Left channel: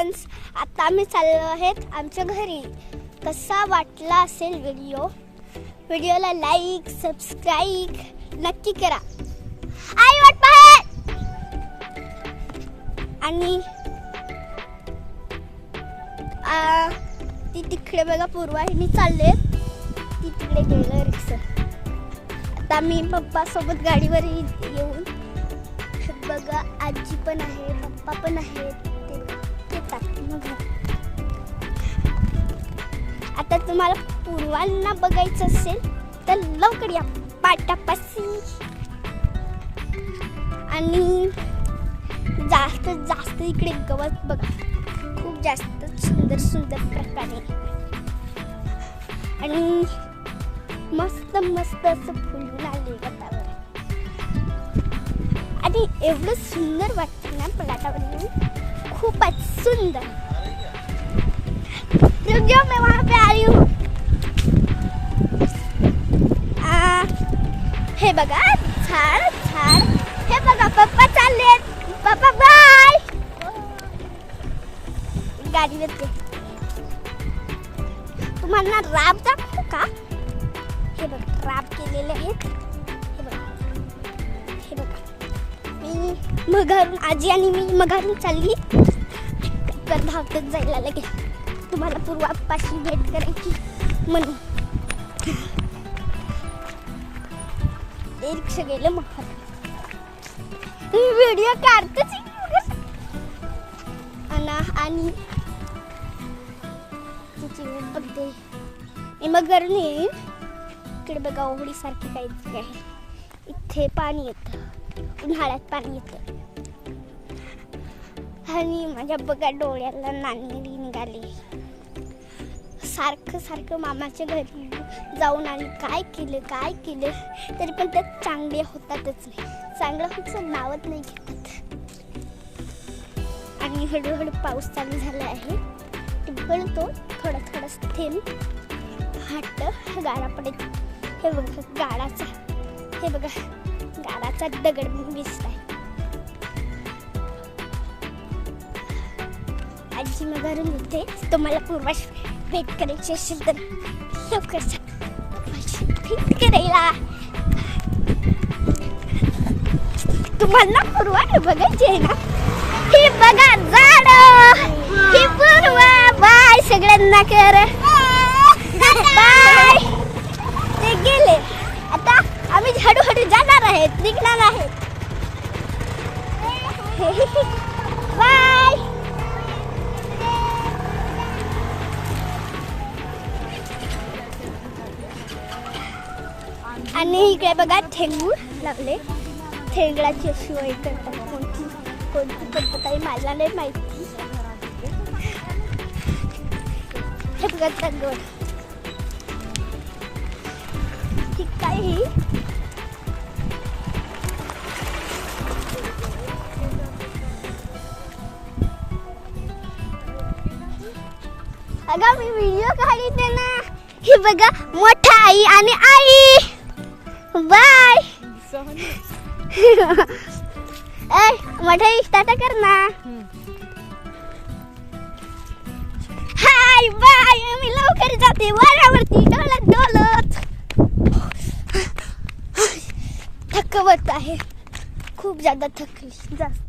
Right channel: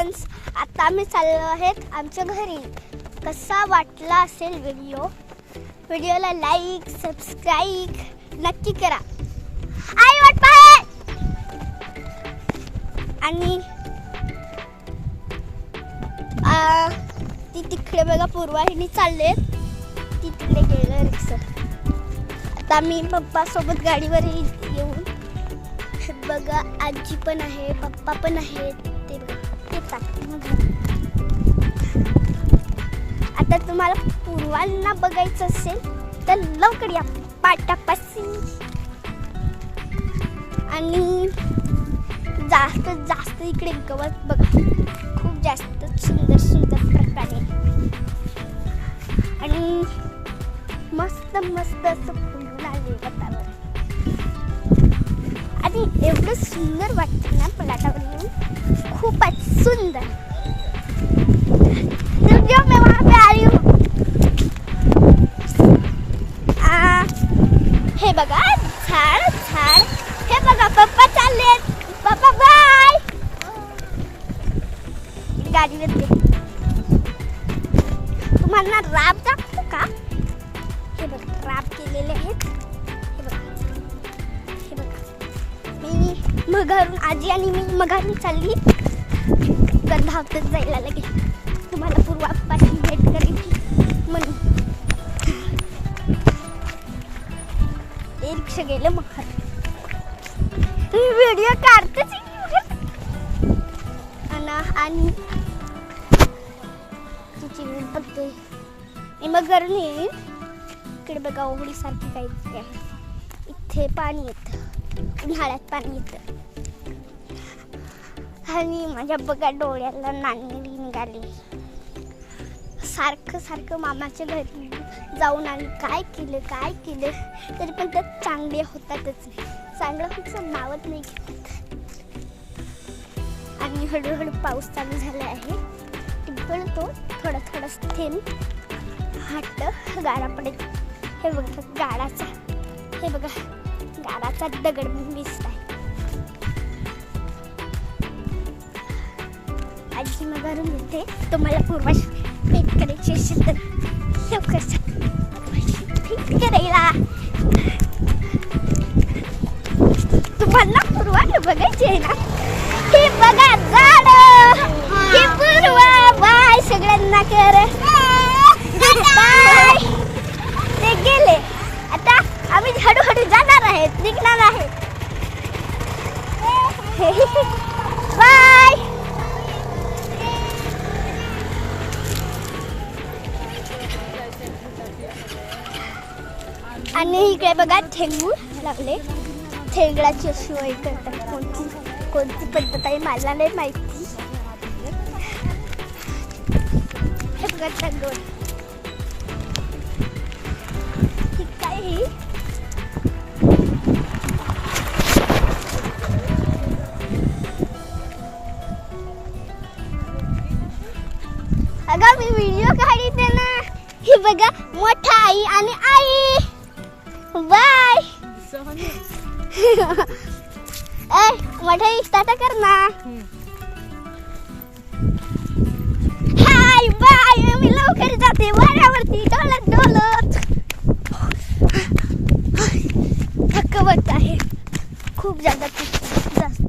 Friends, आता आम्ही चाललो आहेत आमच्या घरी. कसा वाटला असेल व्हिडिओला लाईक सबस्क्राईब नक्की करा. आई वाट पाहत आणि ती तिकडे बघा पूर्वाहिनी चालले, ती तिकडे गेलं रिक्षा. आता मी पप्पा सोबत गाडीवर येऊन बघा, आजी पण आहे पप्पा पण आहेत, ते मग आता तुम्हाला पूर्वांना बघायचं असेल तर लवकर या पाटापाशी. आणि जास्त इकडे गवत बघा, खूप जास्त सुंदर प्रकारे आणि मस्त असं फुलून आले वातावरण. आणि एवढं सुंदर वाटतं ना पलाटावर, खूपच सुंदर. जो मैं वहाँ पे आई हूँ, हे बघा झाड. हे बघा पप्पा चालले, पप्पा बाय. गाडी येते. तुम्हाला राब दाखवू का? हे बघा राब केलेले आहेत. मी मघारून आजी आणि मी मघारून चालली तर धावतच जायला लागेल तुम्हाला पूर्वापासून भेट करायची म्हणून. ते रिक्षा गेलं मग तुम्ही व्हिडिओ काढतच आणि तिची वेळ बघतोय. मग घरून येईल इकडे बघा, ओहळी सारखी पाहिजे आहे. इथे पाणी येतं, उन्हाळ्यात पाणी येतं. आणि माझ्या बघा डोळ्याला नाणी निघाली. सारखं मामाच्या घरी जाऊन आली, काय केलं तरी पण ते चांगले होतातच. चांगलं होतं मावत नाही. आणि हळूहळू पाऊस चालू झाला आहे. तो थोडा थेंब हट्ट गाडा पडत. हे बघा गाडाचा दगड दिसत आहे. आजी मग घरून येते. तुम्हाला पूर्वाशी भेट करायची असेल तर लवकर भेट करायला. तुम्हाला पूर्वा बघायची आहे ना, ही बघा झाड, ही पूर्वा. बाय सगळ्यांना कर बाय. ते गेले. आता आम्ही हळूहळू जाणार आहेत, निघणार आहेत. बाय. आणि इकडे बघा ठेंगूळ लागले. ठेंगळाची अशी वय करतात. कोणती पद्धत आहे मला नाही माहिती. हे बघा ठेंगूळ काही अगं मी व्हिडिओ काढते ना. हे बघा मोठा आई आणि आई. बाय. मोठा टाटा कर ना. Hi bye. मी लवकर जाते वाऱ्यावरती डोलत. थकवत आहे खूप जास्त.